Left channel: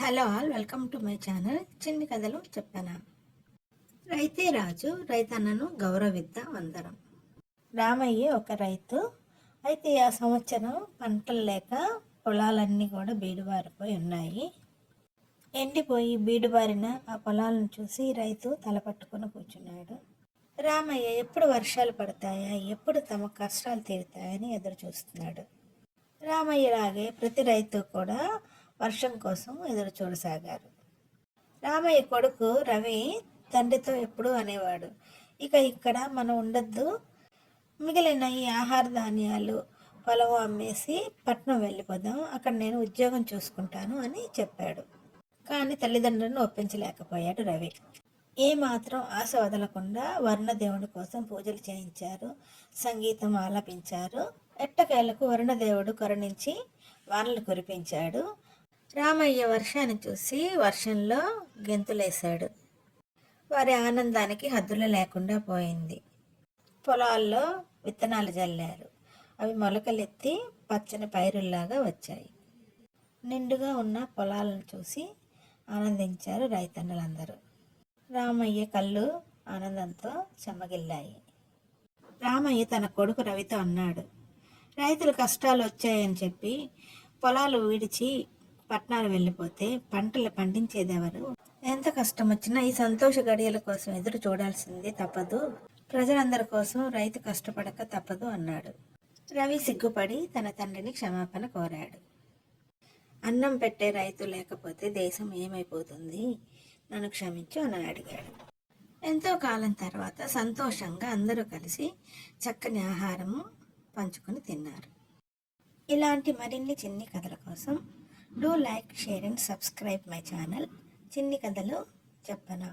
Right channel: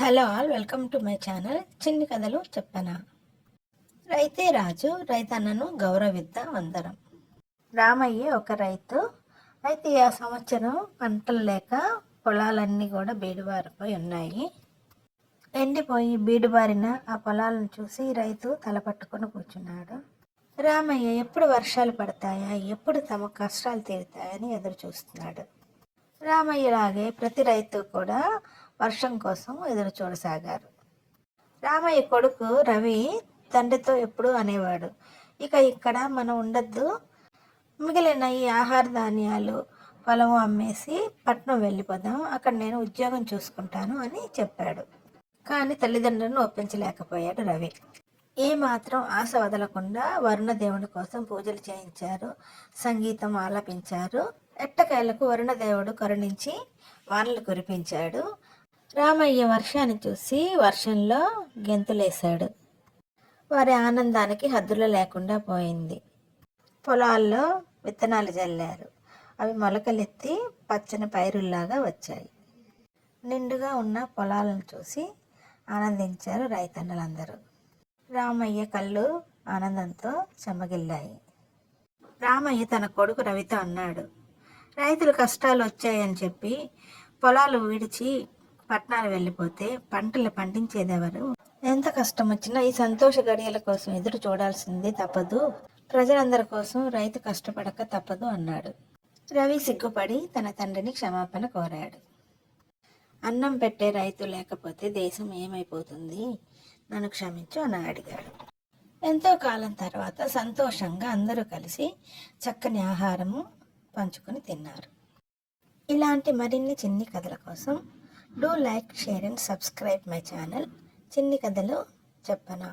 Hello all, welcome to my channel చిన్ని కథలు చెప్పనా. రైతే రాజు, రైతన్నను గౌరవిద్దాం అందరం. రామయ్య ఒక రైతు. అయితే ఆ సంవత్సరం పంటలు లేక పొలాలన్నీ కూడా బీడుబారిపోయి ఉన్నాయి. ఎండిపోయి బీడుబారిన ఆ పొలాలను చూసి రైతు తలపట్టుకొని కూర్చున్నాడు. రామయ్య ఎప్పుడు వర్షాలు పడతాయా, ఎప్పుడు తమ కష్టాలు తీరుతాయని ఎదురు చూస్తున్నాడు. రామయ్యలాగే ప్రతి రైతు కూడా వర్షం కోసం ఎదురు చూడసాగారు. రామయ్య కొడుకు రవి తండ్రితో ఎప్పుడూ అనేవాడు, ఇక ఇక్కడ మనం ఉండద్దు, మిగిలిన ఈ ఆహార ధాన్యాలు పొలం అమ్మేసి పట్నం వెళ్ళిపోదాం, అక్కడ నేను ఉద్యోగం చూసుకుంటాను అని చెప్పాడు. కానీ తల్లిదండ్రులను ఒప్పించలేకపోయాడు రవి. ఏమాత్రం ఆశ వదలకుండా వరుణదేవుడి కోసం పూజలు చేయించారు, సంగీతం ఆలపించారు. ఎట్టకేలకు వరుణదేవుడు కరుణించి వానలు కురిపించాడు. రామయ్య వర్షాన్ని చూసి వర్షంలో గెంతులేశాడు. వారి ఆనందానికి హద్దులు లేకుండా పోయింది. పొలాల్లో విత్తనాలు జల్లారు. అవి మొలకలెత్తి పచ్చని పైరుల్లాగా వచ్చాయి. నిండుగా ఉన్న పొలాలను చూసి ఆనందించారు రైతన్నలందరూ. రామయ్య కళ్ళు ఆనందంతో చెమ్మగిల్లాయి. రామయ్య తన కొడుకు రవితో అన్నాడు, రైతులు కష్టాలు వచ్చాయని చెప్పి పొలాలు విడిచి పట్టణాలు వెళ్ళిపోతే పంటలు పండించేదెవరు? ఎంత కష్టం వచ్చినా ఈ సంతోష గడియల కోసం ఎదురు చూడాల్సిందే తప్పదు. ప్రజలందరి కోసం రైతు కష్టపడక తప్పదు అన్నాడు. రవి సిగ్గుపడి తన తండ్రిని క్షమాపణ కోరాడు. అన్నం పెట్టే రైతు లేకపోతే దేశం ఏమైపోతుంది, నన్ను క్షమించు అని అడిగాడు. ఎంతో కాలం తర్వాత సంతోషంగా అందరూ కలిసి చక్కని ఆహారము పంచుకొని తిన్నారు. ఇలాంటి మరిన్ని చిన్ని కథల కోసం do like, share and subscribe my channel చిన్ని కథలు చెప్పనా.